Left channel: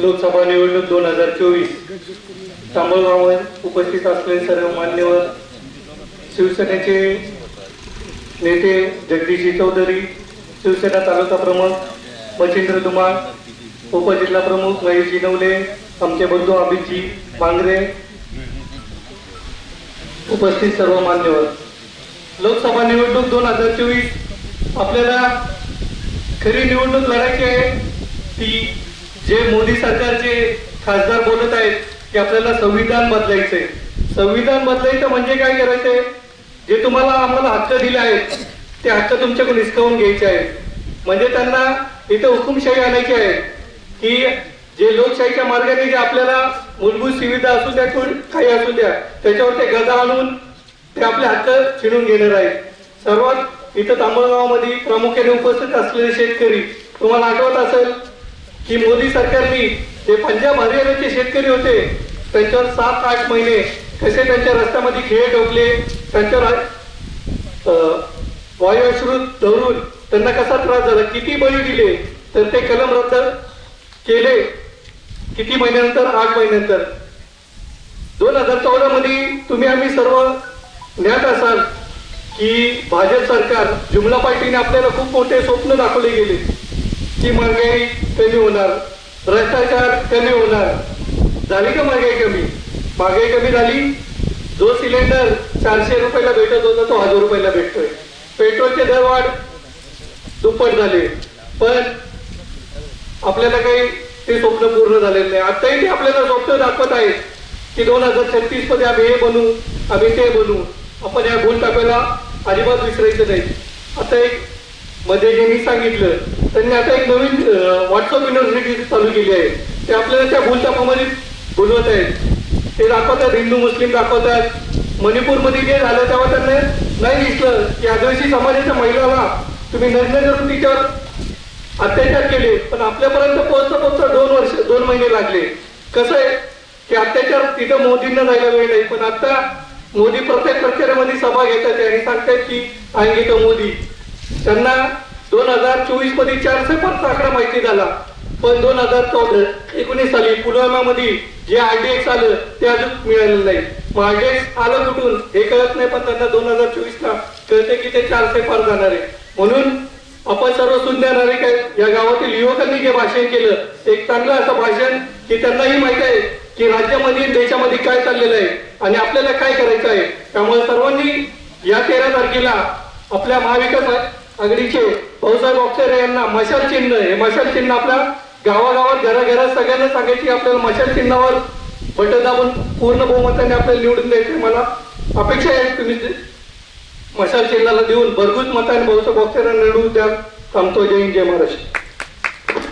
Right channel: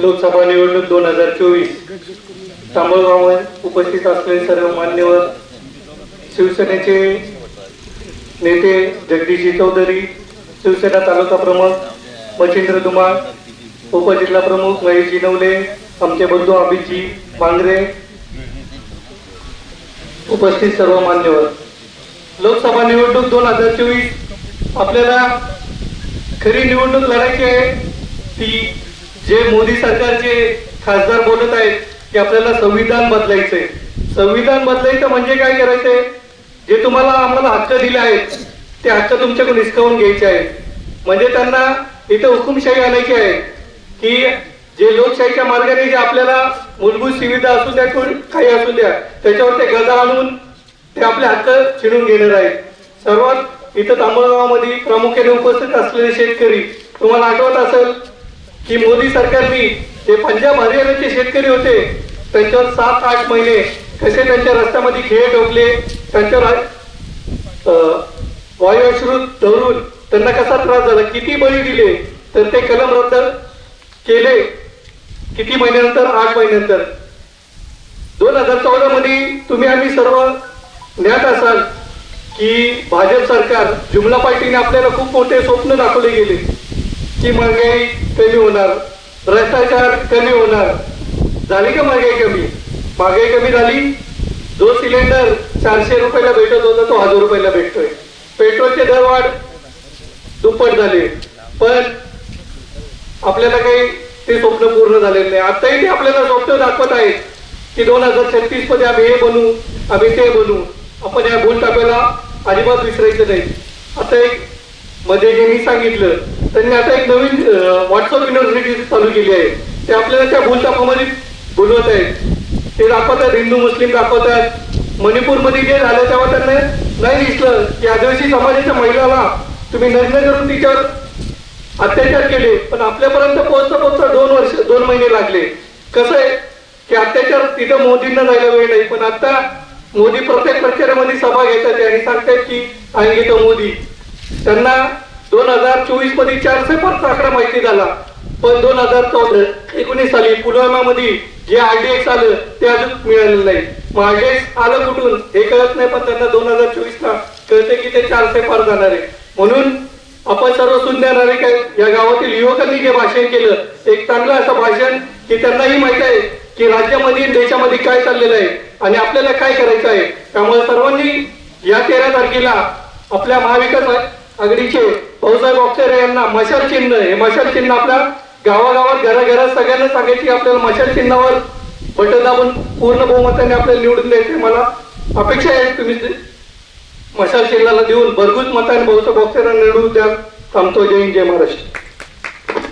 लोकसभा निवडणूक दोन हजार चोवीस. तांबळगाववर उपस्थित असलेले सर्व मान्यवर शिवसेनेचे नेते जगदीशजी चौधरी शिवसेना तालुका प्रमुख मच्छिंद्र धुमाळ उपजिल्हा प्रमुख महेशजी नवले आमचे बंधू अभिजी मांगरे उपस्थित सर्व मान्यवर लोकसभा निवडणूक दोन हजार चोवीस. आपल्याला खरी निवडणूक लढायची आहे ती जे मोदी सरकारचे खासदार बोलत आहेत की आपल्याला संविधान बदलायचंय. संविधान बदलायचं म्हणजे काय करायचंय? जे तुम्हाला आम्हाला हक्क दिले आहेत ते हक्क तुमच्याकडून हिसकावून घ्यायचे आहेत. म्हणजे त्यांना इथं हुकुमशाही आणायची आहे की जे लोकशाहीच्या मार्गाने जे आपल्याला मूलभूत सुविधा असू द्या काही असू द्या त्याच्यावर ते गदा आणून ते आपले हक्क छिनून घेणार आहे सर्वात इथं तांबळगावामध्ये प्रामुख्याने उपस्थित असलेले शेतकरी तुम्हाला आठवत असेल की मोदी सरकारनी जे पंजाब हरियाणाचे शेतकरी होते त्यांच्यावर सात आठ महिने कसे त्यांच्या रस्त्यामध्ये खेळ ठोकले त्यांच्यावर अं, धरून त्यांना कसा त्रास झाला किती बळी दिले तर ते कलम रद्द केले किती महिन्यानंतर आठ महिन्यानंतर. दोन हजार चौदा मध्ये तुम्ही आम्ही सर्व ज्ञात असाल की भाजप सरकार जुमला पार्टीने आपल्याला खूप मोठे स्वप्न दाखवले गेले. की महागाई कमी होणार भ्रष्टाचार कमी होणार. झाली का महागाई कमी? महागाई कमी झाली. जो सिलेंडर चारशे रुपयाला भेटत होता तो हजार रुपयाला भेटतोय. पेट्रोलचे दर वाढ दुप्पट झाले. पण आपल्याला काही ते स्वप्न पूर्ण झालेलं नाही. आताही ते आपल्याला स्वप्न दाखवत आहेत की दोन हजार छत्तीसमध्ये आम्ही हे बनू आम्ही ते बनू. आपण या भूल टाकायला अजिबात विसरायचं नाही. आता एक मध्ये जे मी सांगितलं त्यांनी आता एक नवीन व्हॉट्सअप युनिव्हर्सिटी चालू केली आहे. ते आपल्याला त्या भूलतापामध्ये बोलवत आहेत. ते दाखवतात हिंदू मुस्लिम दाखवतात. मणिपूरमध्ये जे झालं तेव्हा त्यांना नाही दिसलं. की आदिवासी समाजाच्या महिलाला तुम्ही नग्न करून तिच्यावर अत्याचार केले. पण आपल्यापर्यंत पोहोचता पोहोचता दोन वर्ष दोन महिने लागले. कसं आहे? की अत्याचार तिथं मोदींना जायला वेळ नाही. पण आता मोदी प्रत्येक प्रचारामध्ये सभा घेतात आणि सांगतात की आएंगे तो मोदी. त्यांना दोन हजार चोवीसमध्ये चारशे पाच आकडा माहिती झाला. पण दोन हजार चौदा एकोणीस साली पुलवामा मध्ये जे आरडीएक्स आलं ते अजून मिळालेलं नाही. मग आरडीएक्स आलं कुठून? हे कळत नाही पण त्यांना दोन हजार चोवीस ला कळते की ते चारशे पार जाणार आहे. म्हणून आपण सर्व सुंदर नागरिक या गावातील युवकांनी जे भाषण केलं एक चांगलं असं भाषण की त्यांनाही माहीत आहे की राज्यामध्ये देशामध्ये काय चाललेलं आहे आणि आपल्याला काय करायचं आहे. त्यामुळे सर्वांनी या तेरा तारखेला आपल्या महाविकास आघाडीचे भाऊसाहेब अक्षरे यांना मशाल चिन्ह हे मशाल चिन्ह आपल्या गावागावात घराघरात सगळ्यांना सांगायची आपल्याला मशाल चिन्हावर बटन दाबून पूर्ण बहुमताने आपल्याला निवडून द्यायचे मला अपेक्षा आहे तुम्ही मशाल चिन्हाला देऊन भरघूस मताने भाऊसाहेब अक्षरांना निवडून द्या. थांबतो. जय हिंद जय महाराष्ट्र.